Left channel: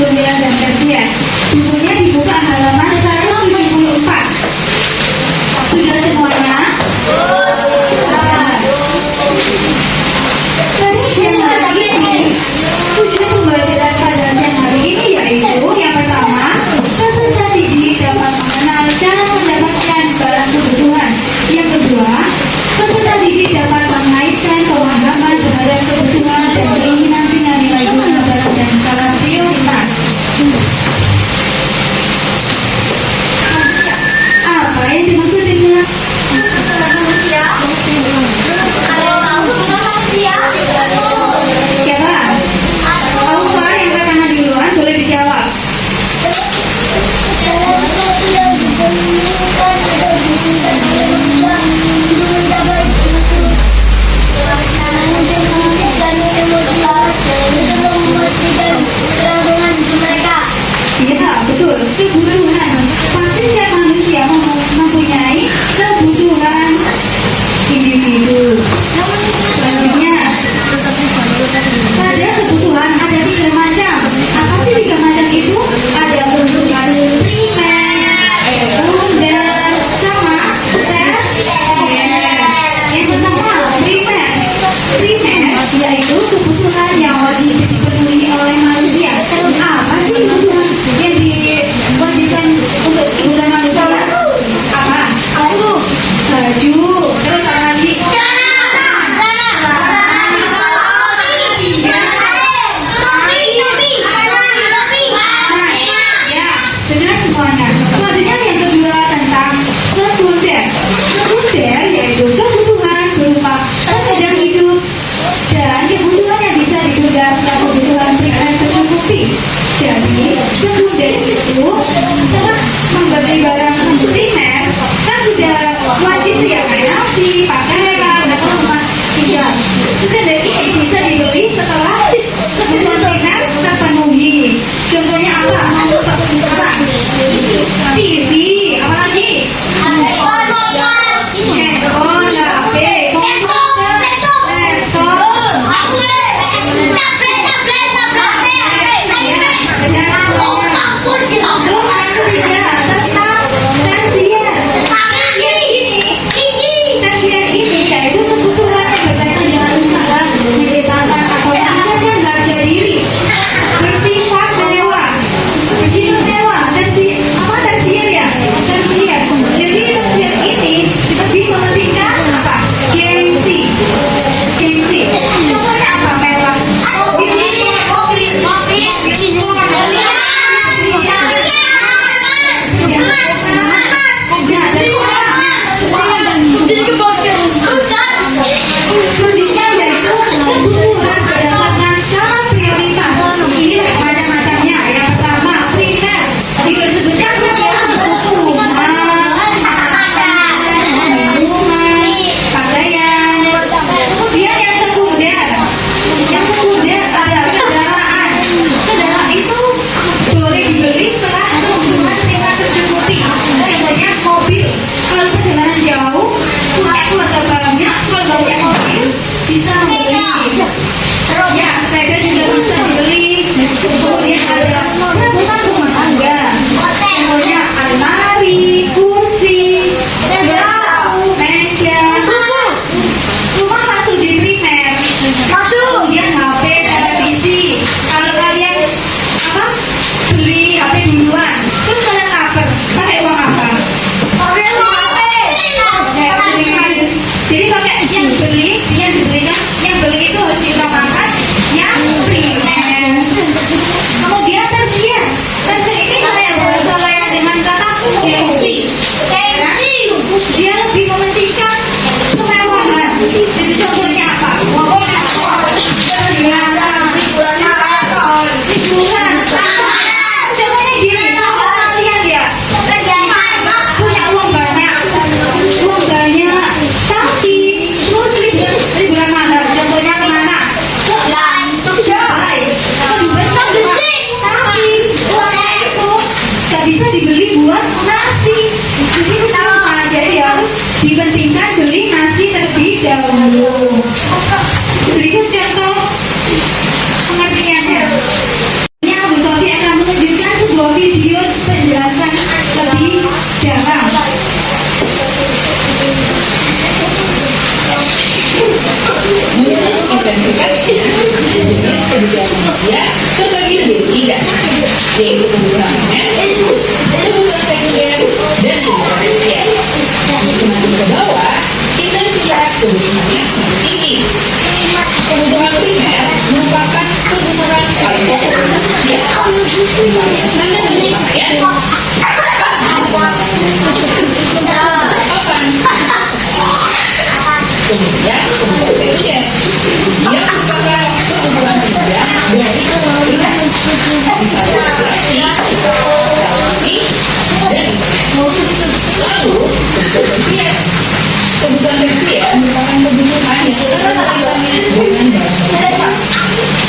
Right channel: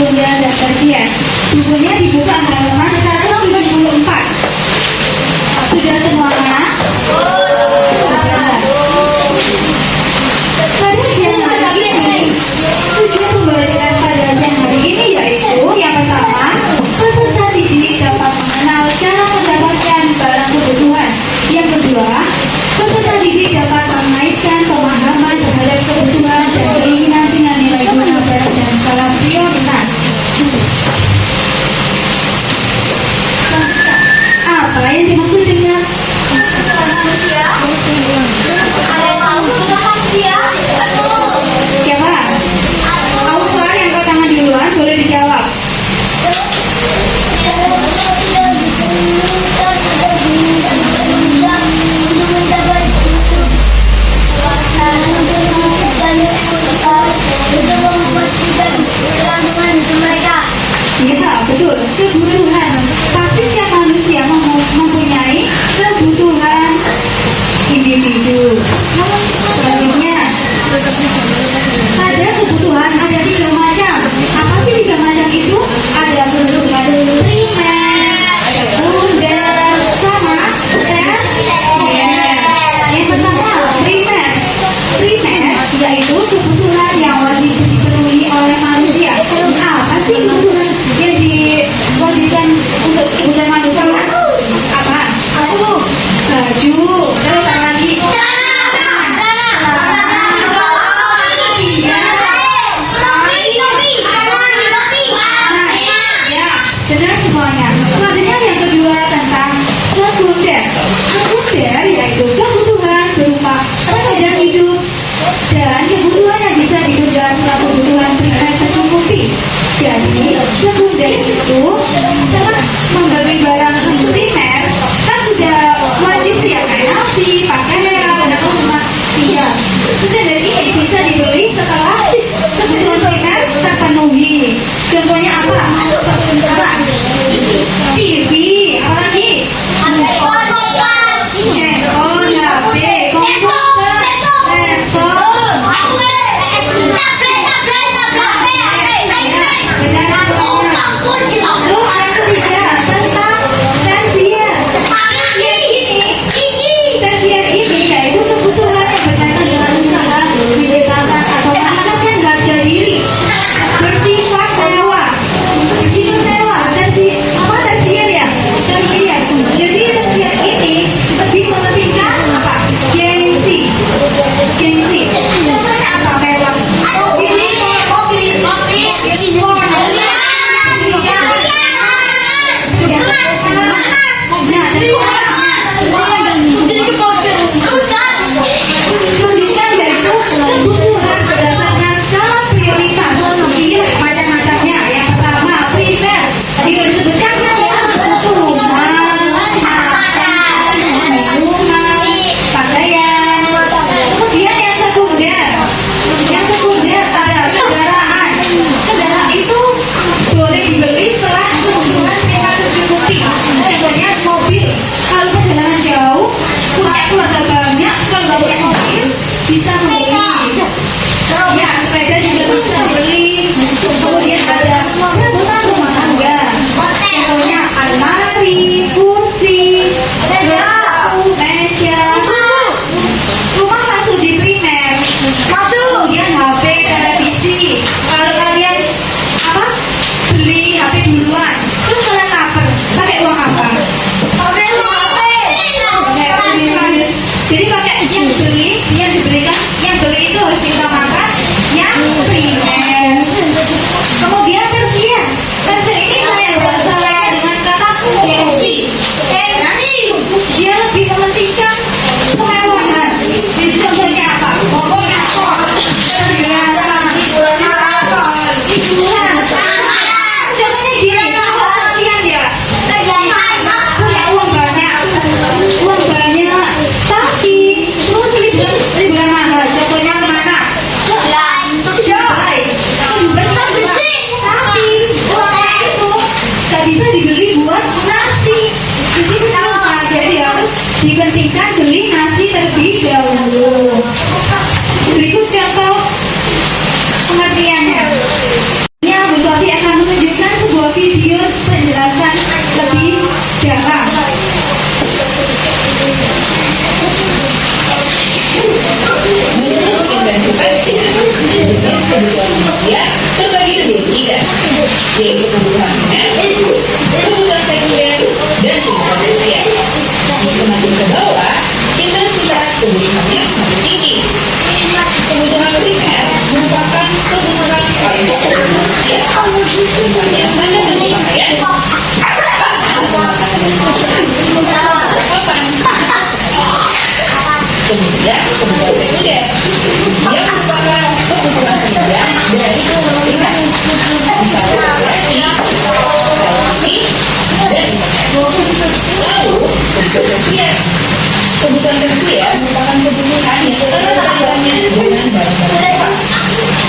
sekunder dan tersier. Bukunya dibuka halaman 174. Sudah semuanya? Sudah. Pada siang hari ini, tujuan pembelajaran pada siang hari ini yaitu yang pertama, peserta didik dapat mengenal cara mendapatkan barang kebutuhan. Yang kedua, peserta didik dapat mengaitkan pemahaman terhadap kebutuhan dan keinginan dengan nilai guna barang dan skala prioritas. Apa yang dimaksud dengan manusia? Ada yang tahu tentang manusia? Siapa? Aufa yang angkat tangan duluan, boleh dijawab. Iya, betul. Kebutuhan. Pasti setiap manusia mempunyai kebutuhan individu. Selanjutnya, ada kebutuhan ada 3 macam. Apa sih 3 macam itu? Ada kebutuhan primer, sekunder, sama tersier. Yang pertama, primer. Primer yaitu kebutuhan yang wajib dipenuhi oleh manusia. Apa sih kebutuhan yang diwajibkan untuk kebutuhan manusia? Apa? Baju. Terus apa lagi? Benar semuanya. Selanjutnya yang kedua tentang sekunder. Sekunder yaitu kebutuhan berupa penunjang hidup dan kebutuhan yang bisa ditunda setelah kebutuhan primer tercukupi. Jadi sekunder itu setelah membeli barang primer kan sudah wajib ya kayak nasi, pakaian, dan rumah tinggal. Sekunder ini bisa dibeli setelah kebutuhan primer terpenuhi. Contohnya apa? TV, apa lagi? Handphone, HP, komputer, laptop, terus yang ketiga tentang tersier. Tersier ini yaitu kebutuhan yang berkaitan dengan usaha di departemen atau meningkatkan harga diri. Bersifat mewah. Tersier ya? Tersier. Jadi tersier ini lebih mementingkan apa? Gengsi. Contohnya apa mewah? Selanjutnya yaitu kebutuhan berdasarkan skala prioritas. Ini macam-macamnya. Yang pertama primer. Tadi sudah disebutkan kebutuhan minuman, pakaian. Kemudian yang sekunder. Yang sekunder ada kendaraan. Kendaraan itu boleh dibeli setelah kebutuhan primer tercukupi. Contohnya mobil. Kalau perjalanan jauh, punya keluarga banyak, kalau nggak punya mobil bisa membeli. Ya, sepeda juga bisa dibeli. Kemudian ada peralatan rumah tangga. Contohnya almari, kursi, lampu, meja. Rumah masuk di primer. Kemudian HP, televisi. Kalau kalian beli HP duluan, terus kalian lapar, pakai uang apa? Jadi pakai yang dibelikan, yang beli itu harus kita makan yang primer. Kemudian tersier. Tersier ini kalau yang sesuai dengan kata gengsi. Dia lebih mementingkan kemewahan. Jadi contohnya apa? Pokoknya skor, terbiasa, liburan. Contohnya gila kalian ya. Punya uang banyak, tapi terus liburan mahal. Contohnya kemana? Dubai. Tapi uangnya itu gak bisa dibeli buat nasi. Jadi sama, jadi harus dipentingkan beli nasi terlebih dahulu. Berikut contoh pengertiannya. Ini Bu Sofi akan yaitu kebutuhan primer, kebutuhan sekunder, dan kebutuhan tersier. Semakin ke bawah, intensitas kebutuhannya semakin tinggi. Kebutuhan primer merupakan kebutuhan paling pokok manusia. Misalnya sandang dan pakaian, kemudian kebutuhan sekunder yang merupakan kebutuhan rendah dari kebutuhan primer, misalnya rekreasi, televisi, dan internet. Lalu kebutuhan tersier. Kebutuhan tersier merupakan kebutuhan yang erat kaitannya dengan barang-barang mewah,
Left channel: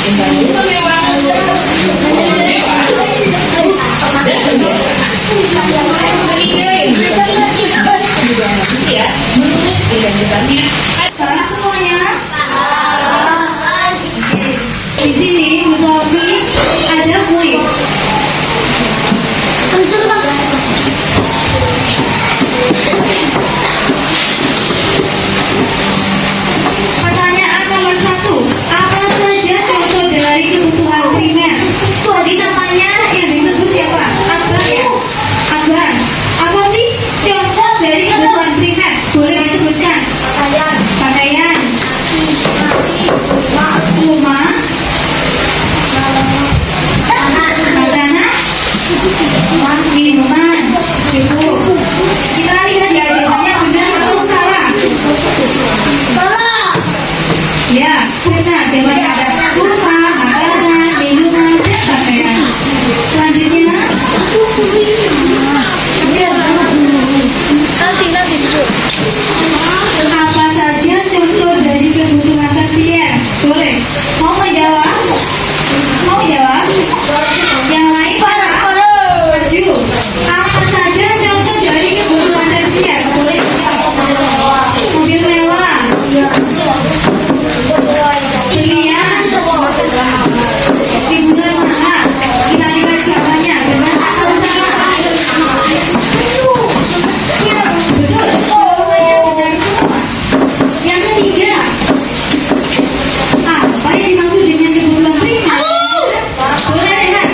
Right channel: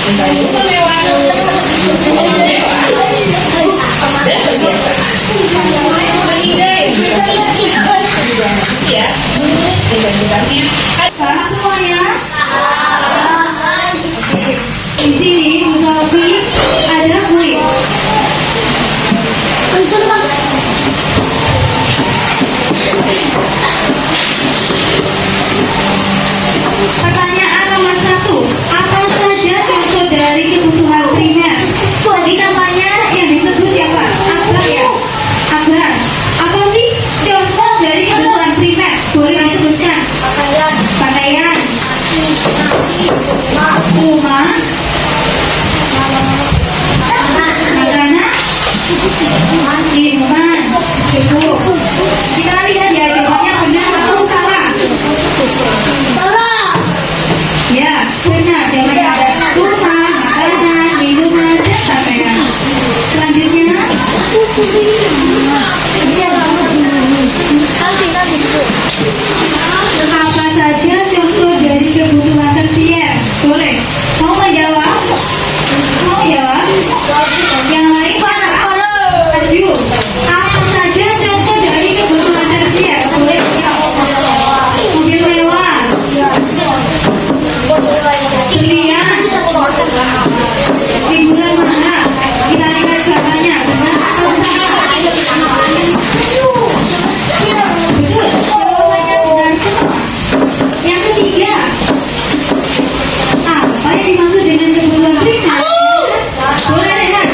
misalnya rumah mewah, mobil mewah, dan perhiasan. Sehingga yang dikatakan kebutuhan tersier menurut intensitasnya. Sekarang semuanya. Oke. Di sini Bu Sofi ada kuis. Pertanyaan nomor 1. Apa saja contoh dari kebutuhan primer? Tadi namanya yang disebut siapa? Akbar ya? Akbar. Apa sih contoh dari kebutuhan primer? Boleh disebutkan? Pakaian. Rumah. Makanan. Minuman. Itu. Kita lihat ya jawabannya benar atau salah. Ya, benar. Jawabannya ada rumah, makanan, minuman, dan pakaian. Selanjutnya. Apa saja contoh dari kebutuhan tersier? Boleh. Mau menjawab? Mau jawab? Yang lain mana? Maju. Apa saja contoh dari kebutuhan tersier? Boleh. Mobil mewah. Pilihan. Hiburan mahal. Kita lihat jawabannya. Benar atau salah? Betul. Jawabannya benar semua. Yang ketiga. Apa yang dimaksud dengan kebutuhan primer? Boleh lihat.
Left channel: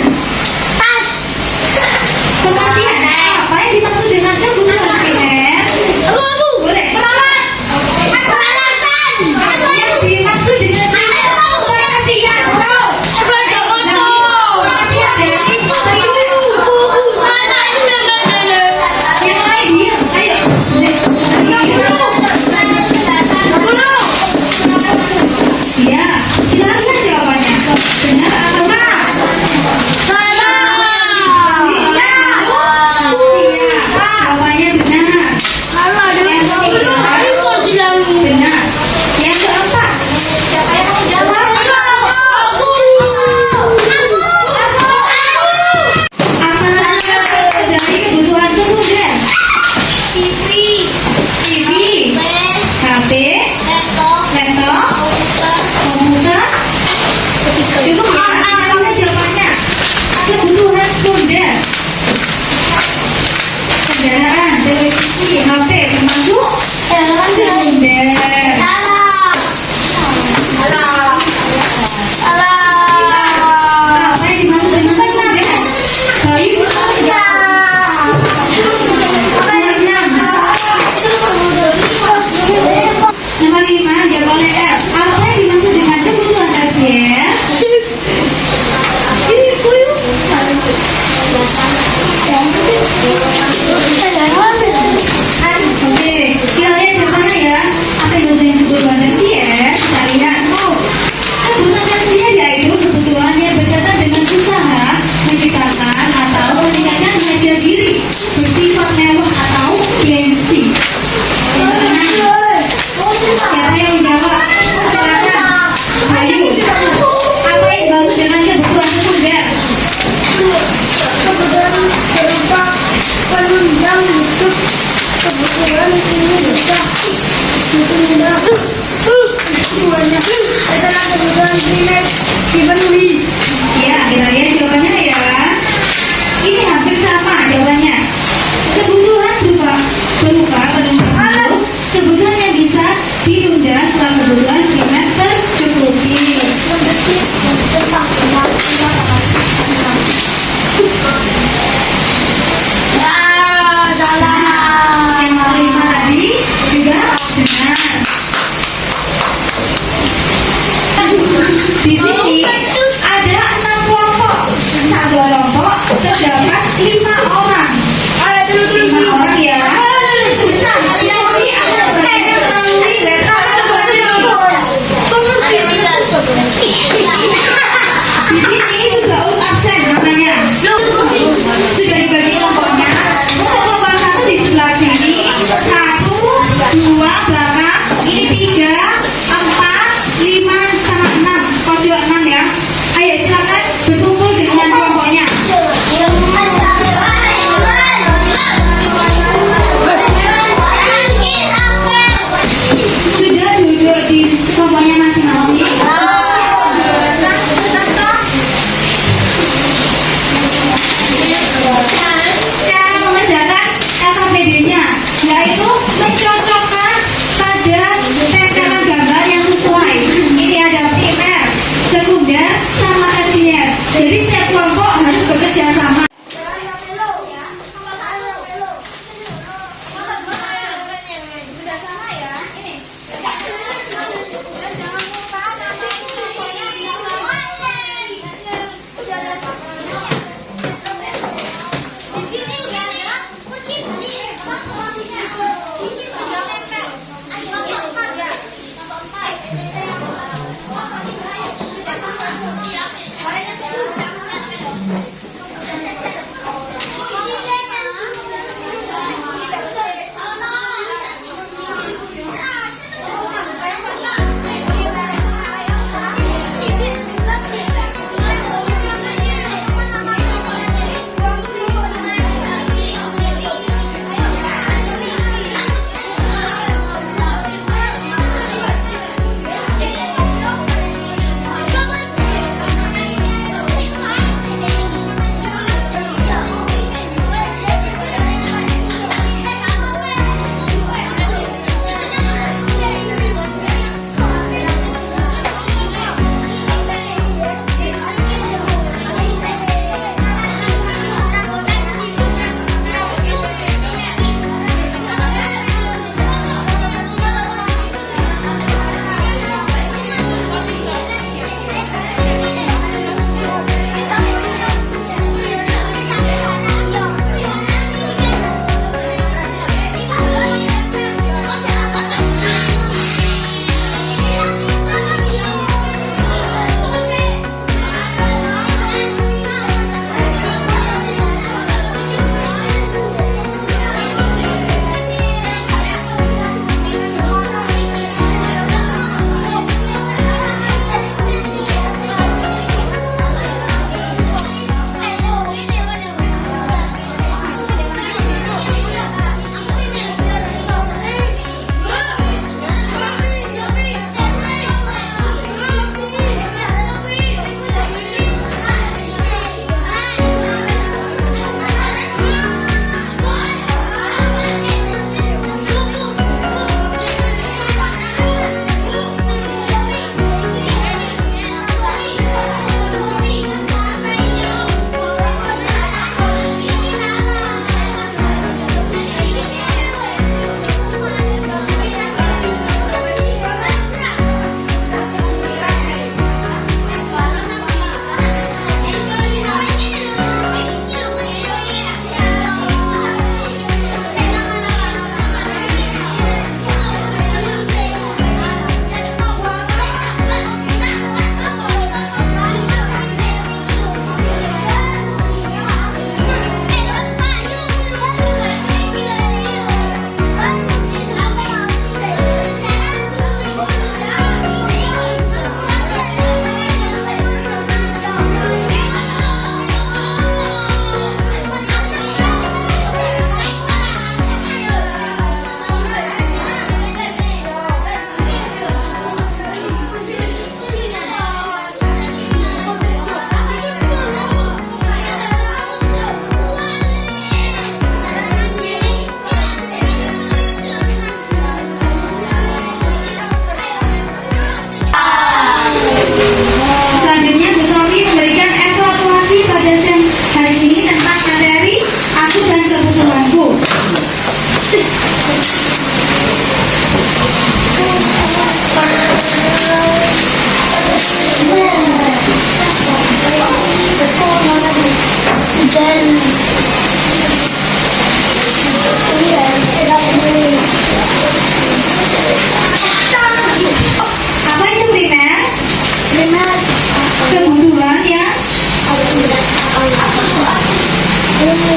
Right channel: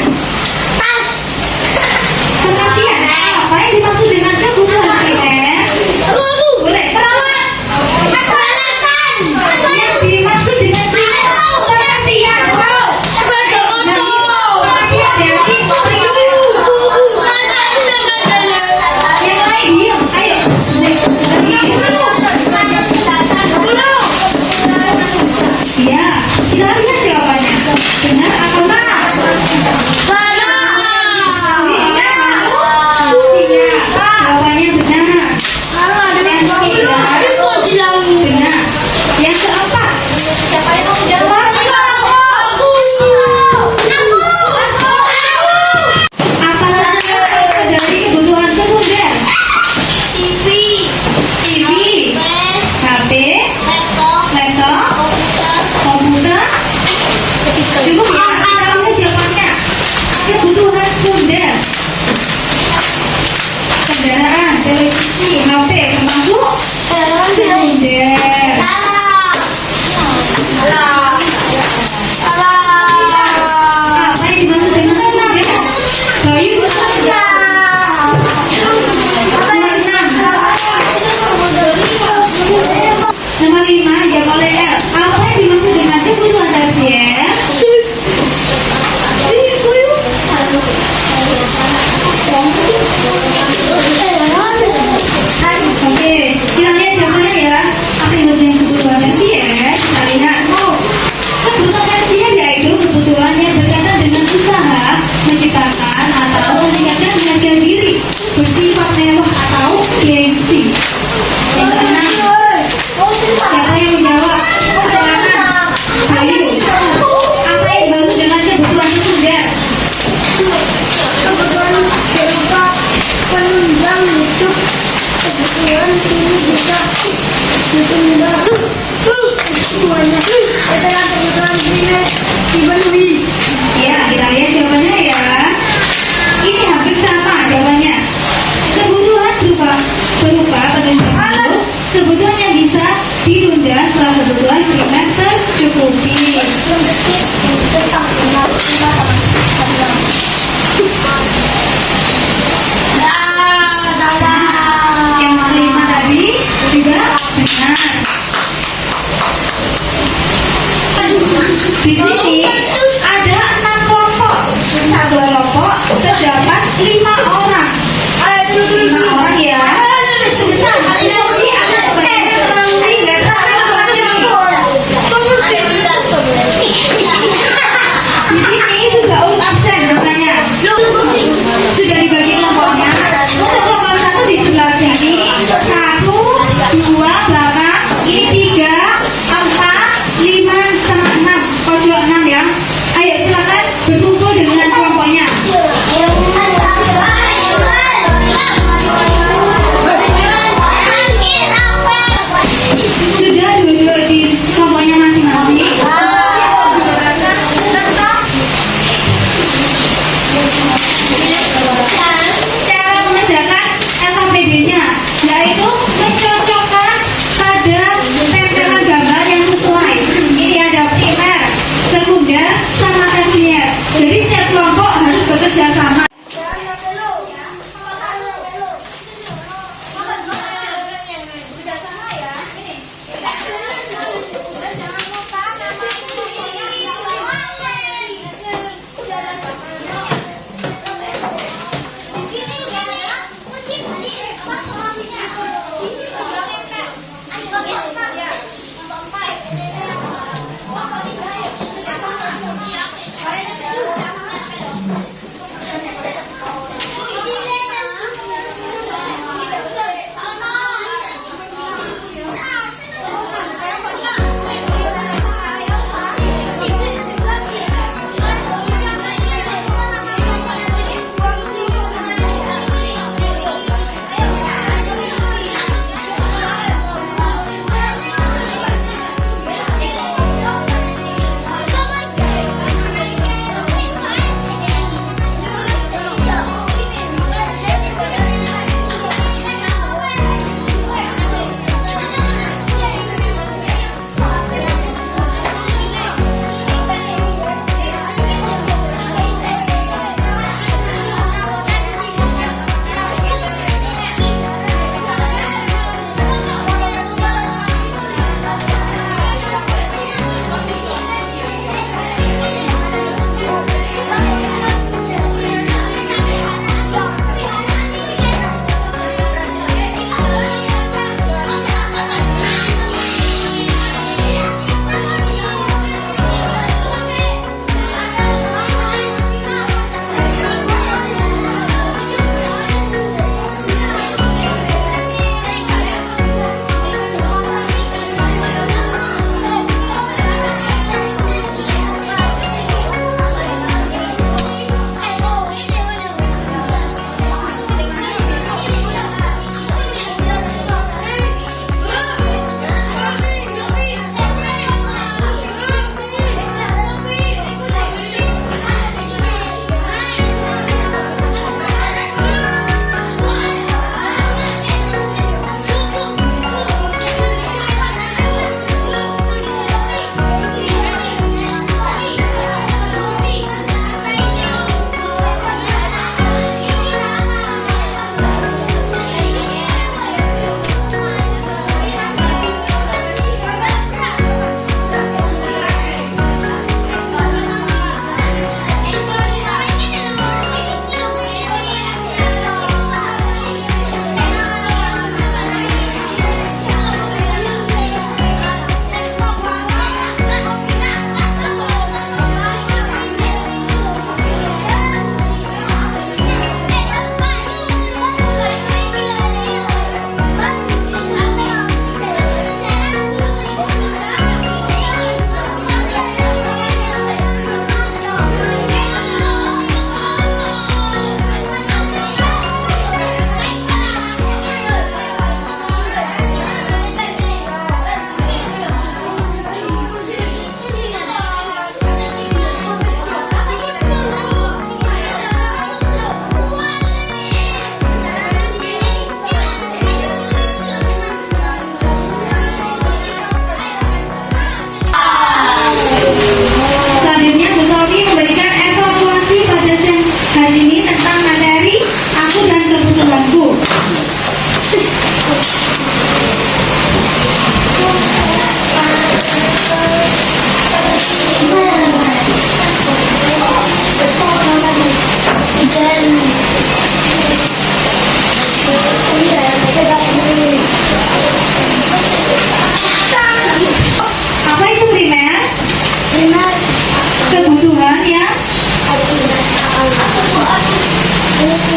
Pengertian. Apa yang dimaksud dengan kebutuhan primer? Boleh. Yang dimaksud dengan primer pengertian. Yang lain diam. Ayo. Iya, kita lihat jawabannya. Benar atau salah? Iya, jawabannya benar. Benar. Yang keempat, siapa yang mau jawab? Apa saja dari kebutuhan sekunder? TV, HP, laptop, komputer. Cukup ya, udah jawabannya. Kebutuhan sekunder. Kendaraan, televisi, HP termasuk sekunder. Apa yang dimaksud dengan sekunder? Baik, nomor 5, jawab oleh F. Apa yang dimaksud dengan kebutuhan tersier? Oke, kita lihat jawabannya ya. Apa yang dimaksud dengan kebutuhan tersier? Kita lihat. Kebutuhan tersier yaitu kebutuhan yang berkaitan dengan usaha, menciptakan atau meningkatkan harga diri, bersifat mewah atau gengsi. Yang keenam. Siapa yang menjawab? Ayo. Apa yang dimaksud dengan kebutuhan sekunder? Ya, kita lihat jawabannya ya. Ini hampir sama jawabannya. Kebutuhan berupa penunjang kebutuhan yang bisa ditunda setelah kebutuhan primer tercukupi. Thank you.